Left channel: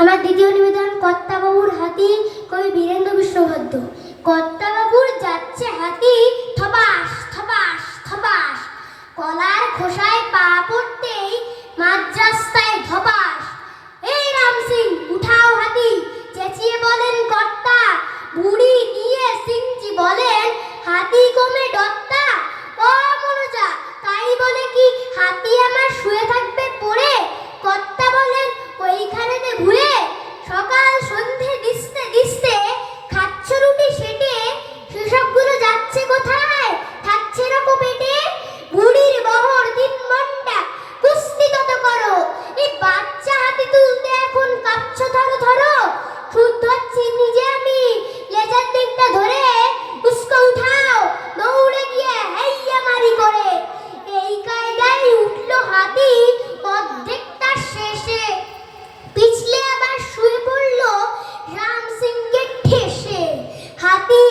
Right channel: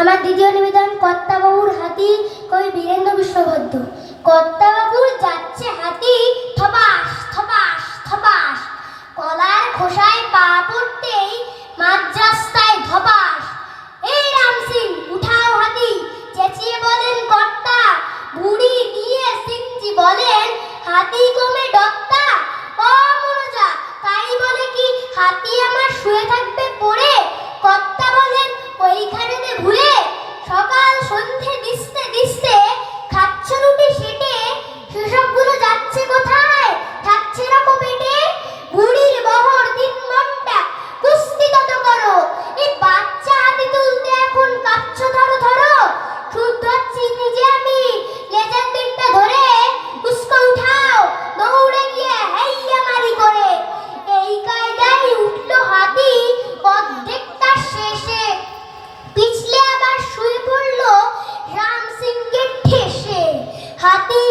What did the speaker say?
আমার দ্বিতীয় নিবেদন কর্তাবাবুর হাতি, কবি বীরেন্দ্র বিশ্ববদ্ধ। কর্তাবাবুর যাচ্ছে হাতি, থপাস থপাস থপাস, কলার খোসায় পা পড়তেই মাঝ রাস্তায় ধপাস। এই রাম সিং, উঠাও হাতি, চেঁচিয়ে বলেন কর্তা। বুড়ি গিয়ে সিংজি বলেন, হাতি কমে ডক্তা। ও মনোজা, তাই বলে কি হাতি আমার শুয়ে থাকবে পড়ে? কর্তা বলেন, ওইখানেতে ভুলে। সকাল সন্ধে দিস্তে দিস্তে খাচ্ছ রুটি সেটে, সেসবগুলো যাচ্ছে কোথায়, থাকছে রাখো পেটে। বুড়ির বহর 3 ঘন্টা, কুস্তি তত করো। এই বাচ্চা হাতি তুলতে এখন কাঁপছ ধরো ধরো। শুদ্ধ হচ্ছি নিজে আমি, লেজের দিকটা ধরে। উস্কো উঠাও, দৌড়ে গিয়ে হেইয়া মারি করে। এই কায়দায় উঠলো হাতি অর্ধেকটা শেষে, পিছলে আবার শুয়ে পড়লো রাম সিংকে ঠেসে। হাতি